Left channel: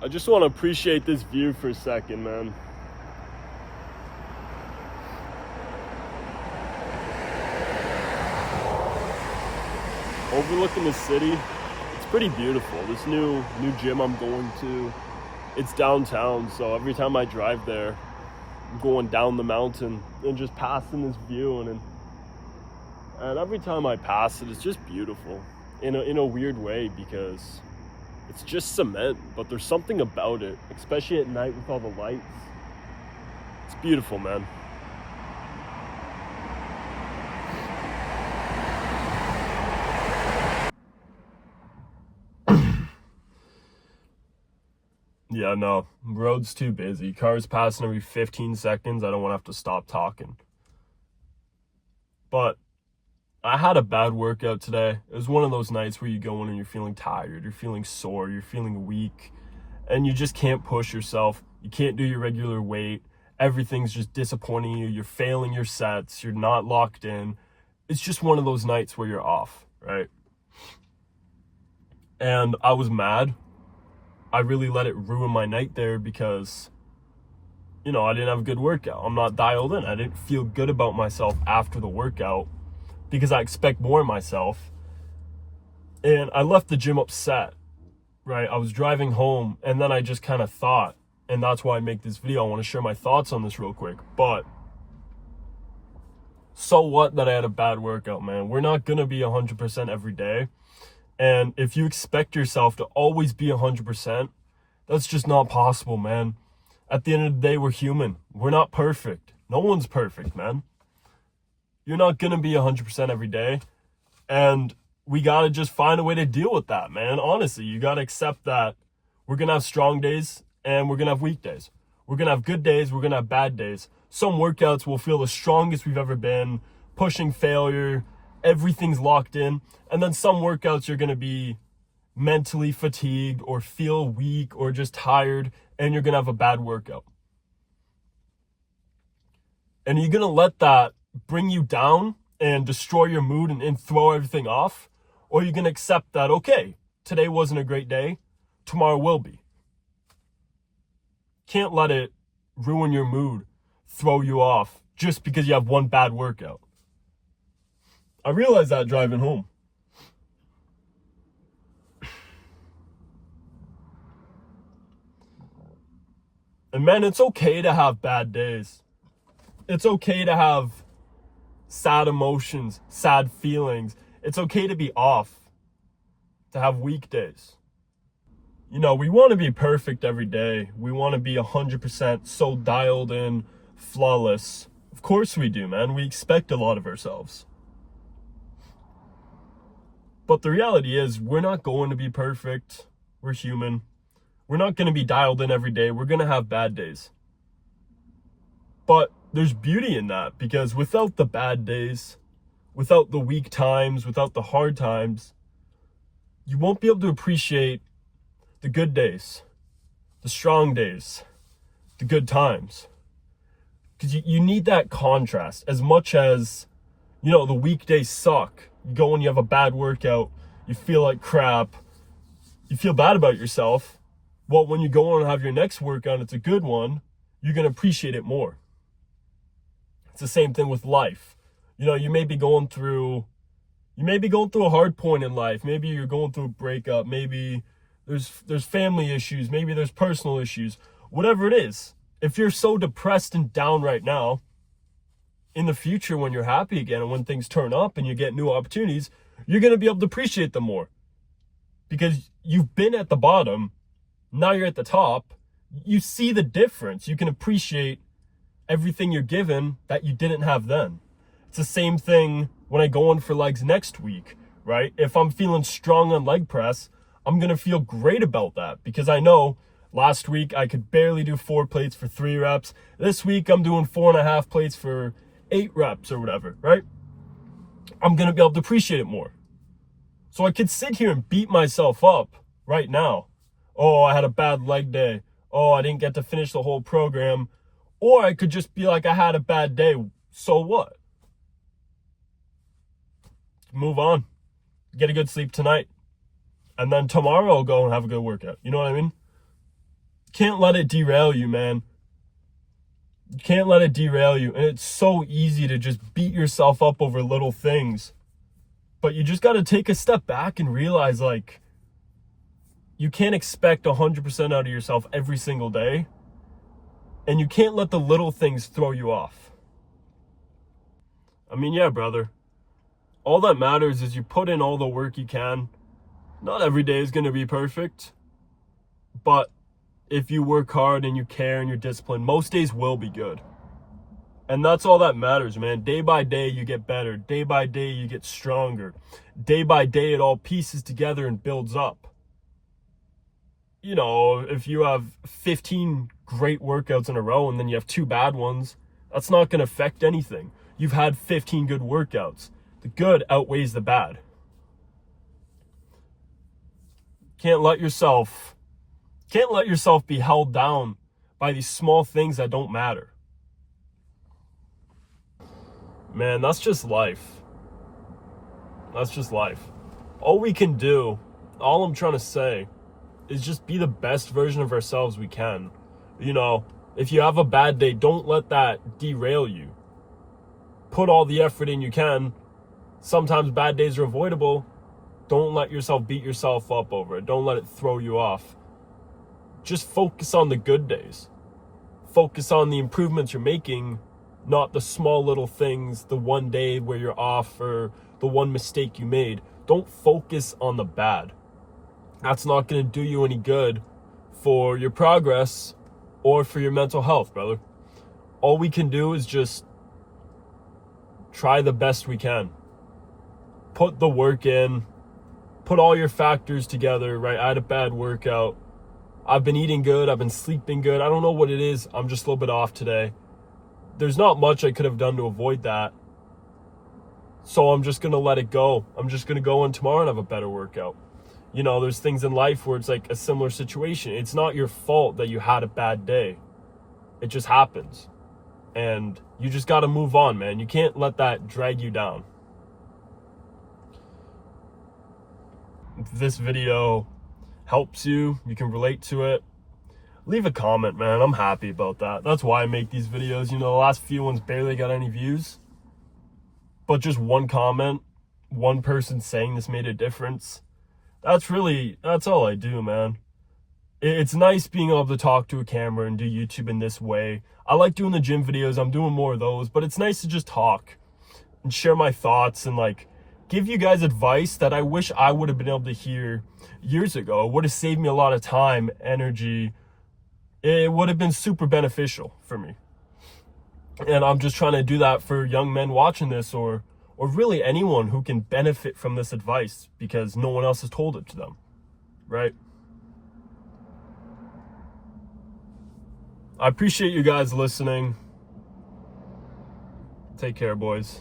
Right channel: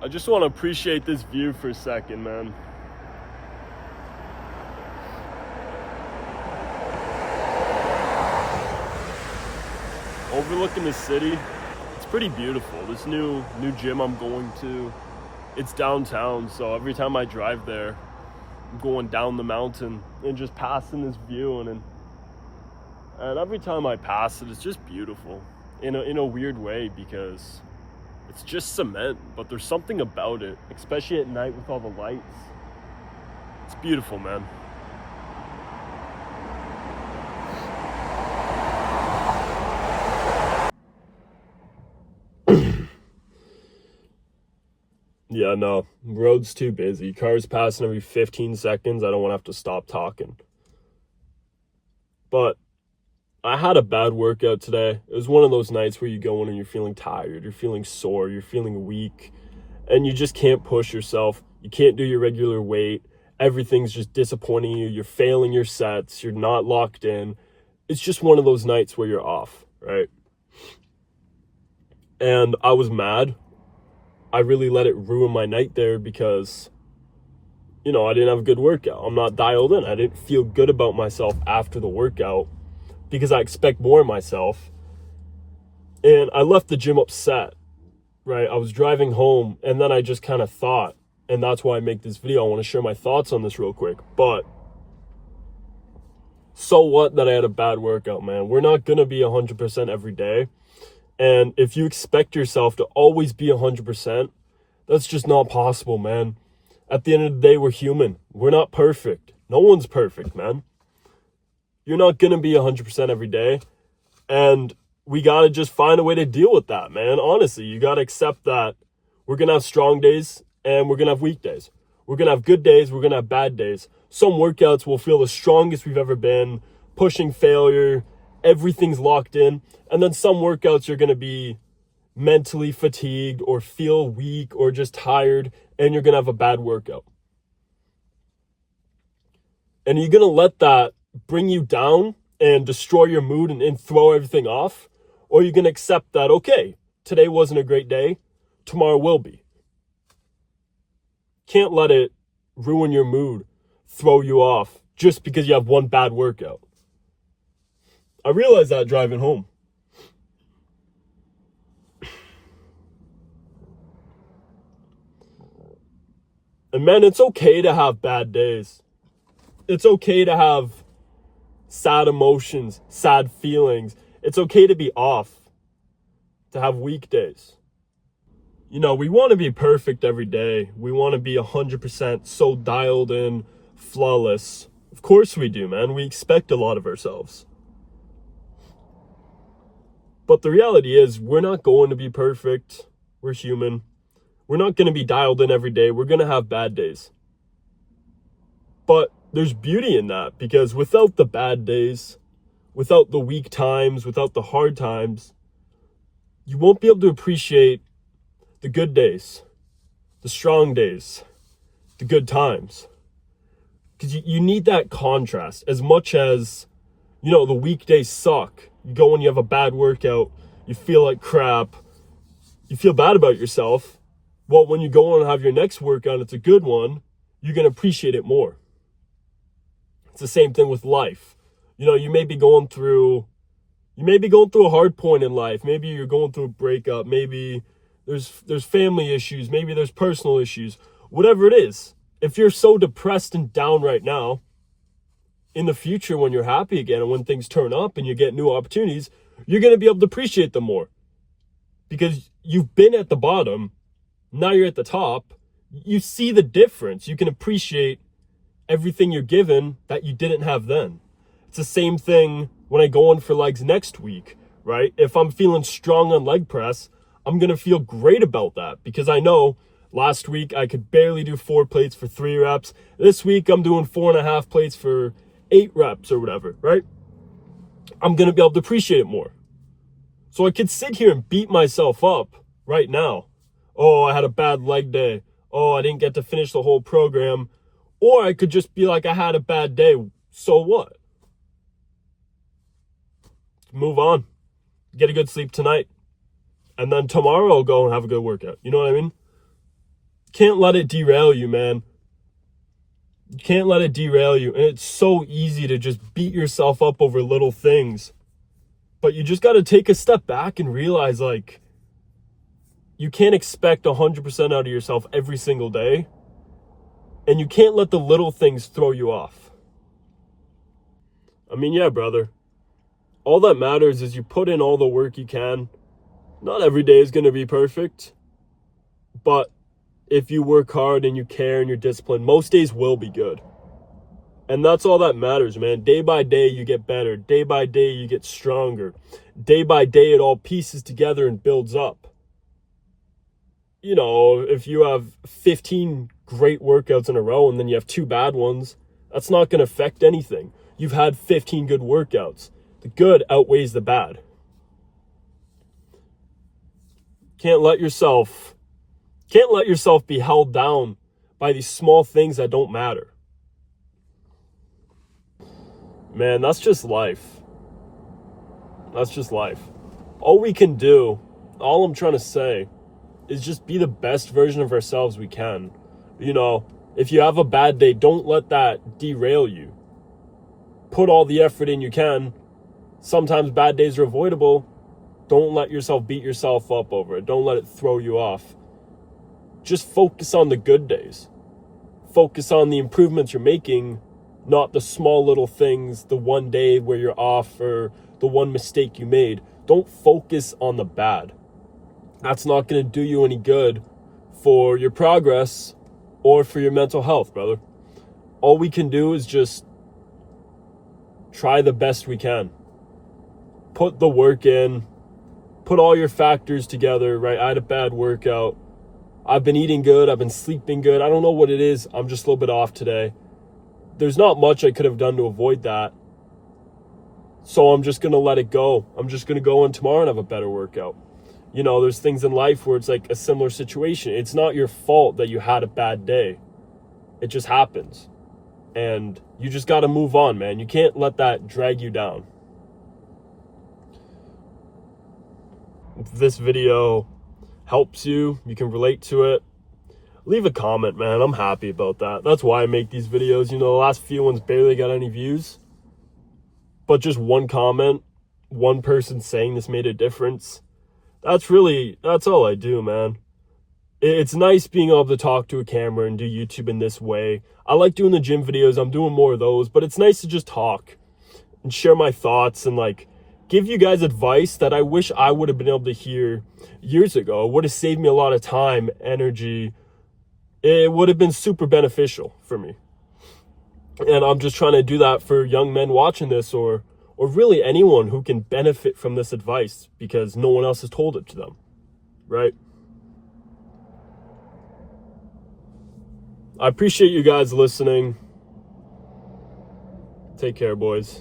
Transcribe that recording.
I just want to appreciate this view for a second, man. Overlooking the city, it's pretty beautiful. This new gym I'm going to, it's downtown, so every time I drive there, I'm going down the mountain and just passing this view, and every time I pass it, it's just beautiful in a weird way, because it's just cement, but there's something about it, especially at night with all the lights. It's beautiful, man. Yeah, no, road's too busy. Cars passing every 15 seconds. I don't want to have to stop talking. But I had a bad workout today. It was one of those nights where you go in and you're feeling tired, you're feeling sore, you're feeling weak, and you just can't push yourself. You can't do your regular weight. Everything's just disappointing you. You're failing your sets. You're not locked in. It's just one of those nights where you're off, right? And I was mad. I really let it ruin my night there because, I didn't have a good workout. I'm not dialed in. I didn't feel good about myself after the workout because I expect more of myself. And I left the gym upset, right? I was driving home and then I just kind of thought, and that's why I make this video. I want to share my thoughts on this real quick. But so what that I had a bad workout, man? We're not going to be 100% every day. And if you expect yourself to always be 100%, that's just not possible, man. At the end of the day, we're human. We're not perfect. No one's perfect, man. You're not going to be 100% every day. And we got to just find a way to deal with that, man. Honestly, you got to accept that we're going to have strong days and we're going to have weak days. We're going to have good days. We're going to have bad days. Some workouts will feel the strongest we've ever been, pushing failure. Everything's locked in. And then some workouts you're going to be mentally fatigued or feel weak or just tired, and you're going to have a bad workout. And you're going to let that bring you down and destroy your mood and throw everything off, or you're going to accept that, okay, today wasn't a great day, tomorrow will be. Can't let it ruin your mood, throw you off just because you have one bad workout. I realized that driving home. And man, it's okay to have bad days. It's okay to have sad emotions, sad feelings. It's okay to be off, to have weak days. We want to be perfect every day. We want to be 100% so dialed in, flawless. Of course we do, man. We expect a lot of ourselves. But the reality is, we're not going to be perfect. We're human. We're not going to be dialed in every day. We're going to have bad days. But there's beauty in that, because without the bad days, without the weak times, without the hard times, you won't be able to appreciate the good days, the strong days, the good times. Because you need that contrast. As much as, the weekdays suck. You go and you have a bad workout, you feel like crap, you feel bad about yourself. Well, when you go on and have your next workout, it's a good one, you're going to appreciate it more. It's the same thing with life. You may be going through a hard point in life. Maybe you're going through a breakup. Maybe there's family issues. Maybe there's personal issues. Whatever it is, if you're so depressed and down right now, in the future when you're happy again and when things turn up and you get new opportunities, you're going to be able to appreciate them more. Because you've been at the bottom, now you're at the top. You see the difference. You can appreciate everything you're given that you didn't have then. It's the same thing when I go in for legs next week, right? If I'm feeling strong on leg press, I'm going to feel great about that, because I know last week I could barely do 4 plates for 3 reps. This week I'm doing 4.5 plates for 8 reps or whatever, right? I'm going to be able to appreciate it more. So I could sit here and beat myself up right now. Oh, I had a bad leg day. Oh, I didn't get to finish the whole program. Or I could just be like, I had a bad day. So what? Move on. Get a good sleep tonight. And then tomorrow I'll go and have a good workout. You know what I mean? Can't let it derail you, man. You can't let it derail you. And it's so easy to just beat yourself up over little things. But you just got to take a step back and realize, like, you can't expect 100% out of yourself every single day. And you can't let the little things throw you off. I mean, yeah, brother. All that matters is you put in all the work you can. Not every day is going to be perfect. But if you work hard and you care and you're disciplined, most days will be good. And that's all that matters, man. Day by day, you get better. Day by day, you get stronger. Day by day, it all pieces together and builds up. You know, if you have 15 great workouts in a row and then you have 2 bad ones, that's not going to affect anything. You've had 15 good workouts. The good outweighs the bad. Can't let yourself be held down by these small things that don't matter. Man, that's just life. That's just life. All we can do, all I'm trying to say, is just be the best version of ourselves we can. You know, if you have a bad day, don't let that derail you. Put all the effort in you can. Sometimes bad days are avoidable. Don't let yourself beat yourself up over it. Don't let it throw you off. Just focus on the good days. Focus on the improvements you're making, not the small little things, the one day where you're off or the one mistake you made. Don't focus on the bad. That's not going to do you any good for your progress or for your mental health, brother. All we can do is just try the best we can. Put the work in. Put all your factors together, right? I had a bad workout. I've been eating good. I've been sleeping good. I don't know what it is. I'm just a little bit off today. There's not much I could have done to avoid that. So I'm just going to let it go. I'm just going to go in tomorrow and have a better workout. You know, there's things in life where it's like a similar situation. It's not your fault that you had a bad day. It just happens. And you just got to move on, man. You can't let that drag you down. If this video helps you, you can relate to it, leave a comment, man. I'm happy about that. That's why I make these videos. You know, the last few ones barely got any views. But just one comment, one person saying this made a difference. That's all I do, man. It's nice being able to talk to a camera and do YouTube in this way. I like doing the gym videos. I'm doing more of those, but it's nice to just talk and share my thoughts and like give you guys advice that I wish I would have been able to hear years ago. It would have saved me a lot of time, energy. It would have been super beneficial for me. And I'm just trying to do that for young men watching this or really anyone who can benefit from this advice because no one else has told it to them, right? I appreciate you guys listening. Take care, boys.